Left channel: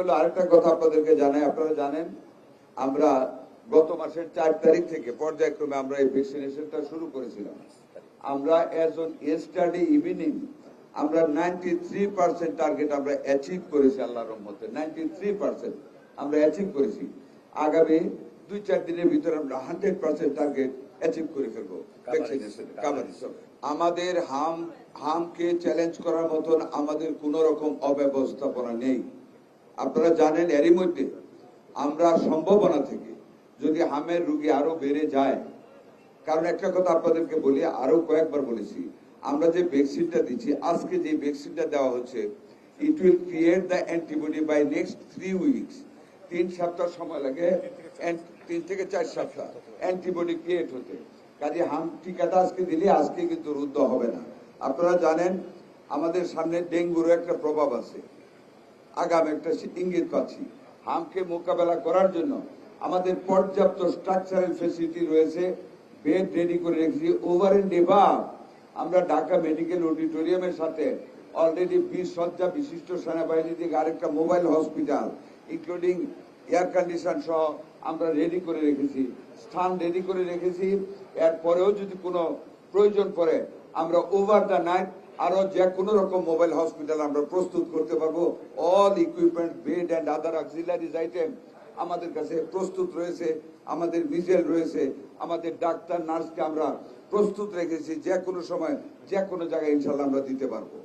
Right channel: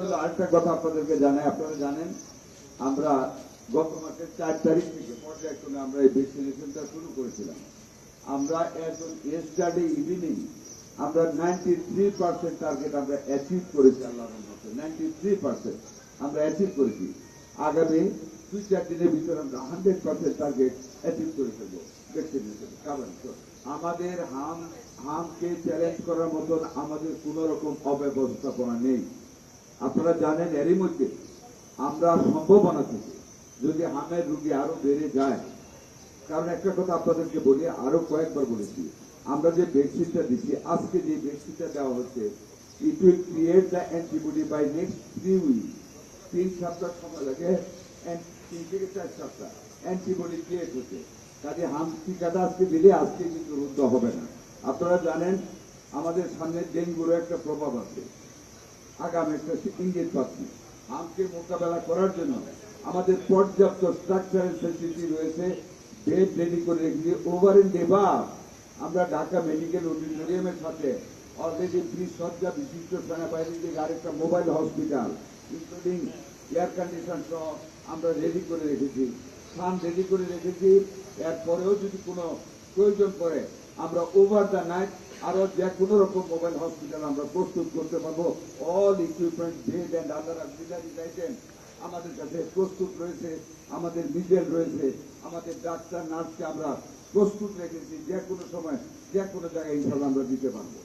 হলো আরেকটা কথা আপনাদেরকে জানাই, আপনারা জানেন আমরা গত মাসের 4 তারিখ থেকে পর্যায়ক্রমে আমরা এই ভ্যাকসিনেশনটা শুরু করেছিলাম। আমরা এজ অন ইয়েস্টারডে ইভিনিং আমরা 93% টার্গেট আমরা অ্যাচিভ করেছি আল্লাহর রহমতে। 93% আমরা অ্যাচিভ করেছি। আগামী 2-4 দিনের ভিতরে আমরা 100% টার্গেট অ্যাচিভ করে ফেলবো ভ্যাকসিনেশন কভারেজ। আমাদের হামকে চ্যালেঞ্জ করার মতন আমাদের কোন রকম অব্যবস্থাপনা নেই। আপনারা জানেন এরই মধ্যে আমরা সম্ভাবনা থেকে যদি হামের রোগী আরো বেড়ে যায়, কারণ একটা কথা আপনাদেরকে বলি, আরো কয়েকবার বলেছি, আমরা যে ভ্যাকসিনটা দিচ্ছি, আজকে যে ভ্যাকসিনটা দেওয়া হচ্ছে, it will create the antibody by next 3 weeks. 3 সপ্তাহ সময় লাগে, 3 থেকে 4 সপ্তাহ অ্যান্টিবডি ক্রিয়েট হতে। কাজে হাম টিকাটা আজকে দিলে আজকে কিন্তু রুদ্ধ হবে না। আপনারা জানেন আমাদের সামনে ডেঙ্গুর একটা প্রভাব আছে, আগাম একটা ইঙ্গিত পাচ্ছি। হামকে মোকাবেলা করার জন্য আমাদের পর্যাপ্ত স্ট্রাকচারাল ফেসিলিটি রয়েছে, বেড রেডি করে রেখেছি। ওভার এন্ড এভার আমরা ঢাকা মেডিকেল অডিটোরিয়ামের সাথে অলরেডি 20 শয্যা বিশিষ্ট সেনাবাহিনী থেকে আরেকটা mobile hospital including air condition সহ আমরা রেডি করে রেখেছি, স্থান রেডি করে রেখেছি। এরপরেও যদি কোনো প্রয়োজন পড়ে আমরা ওভার দ্য নাইট আরো যে কোনো রকম মোবাইল হসপিটাল আমরা প্রস্তুত করতে পারবো। All equipment, bed and other auxiliaries item আমাদের কাছে প্রস্তুত রয়েছে, আমাদের ভিজুয়াল রয়েছে, আমাদের ডাক্তার নার্সকে আমরা প্রস্তুত রেখেছি। যে কোনো সময় যে কোনো জায়গায় ইনশাআল্লাহ আমরা দিতে পারবো।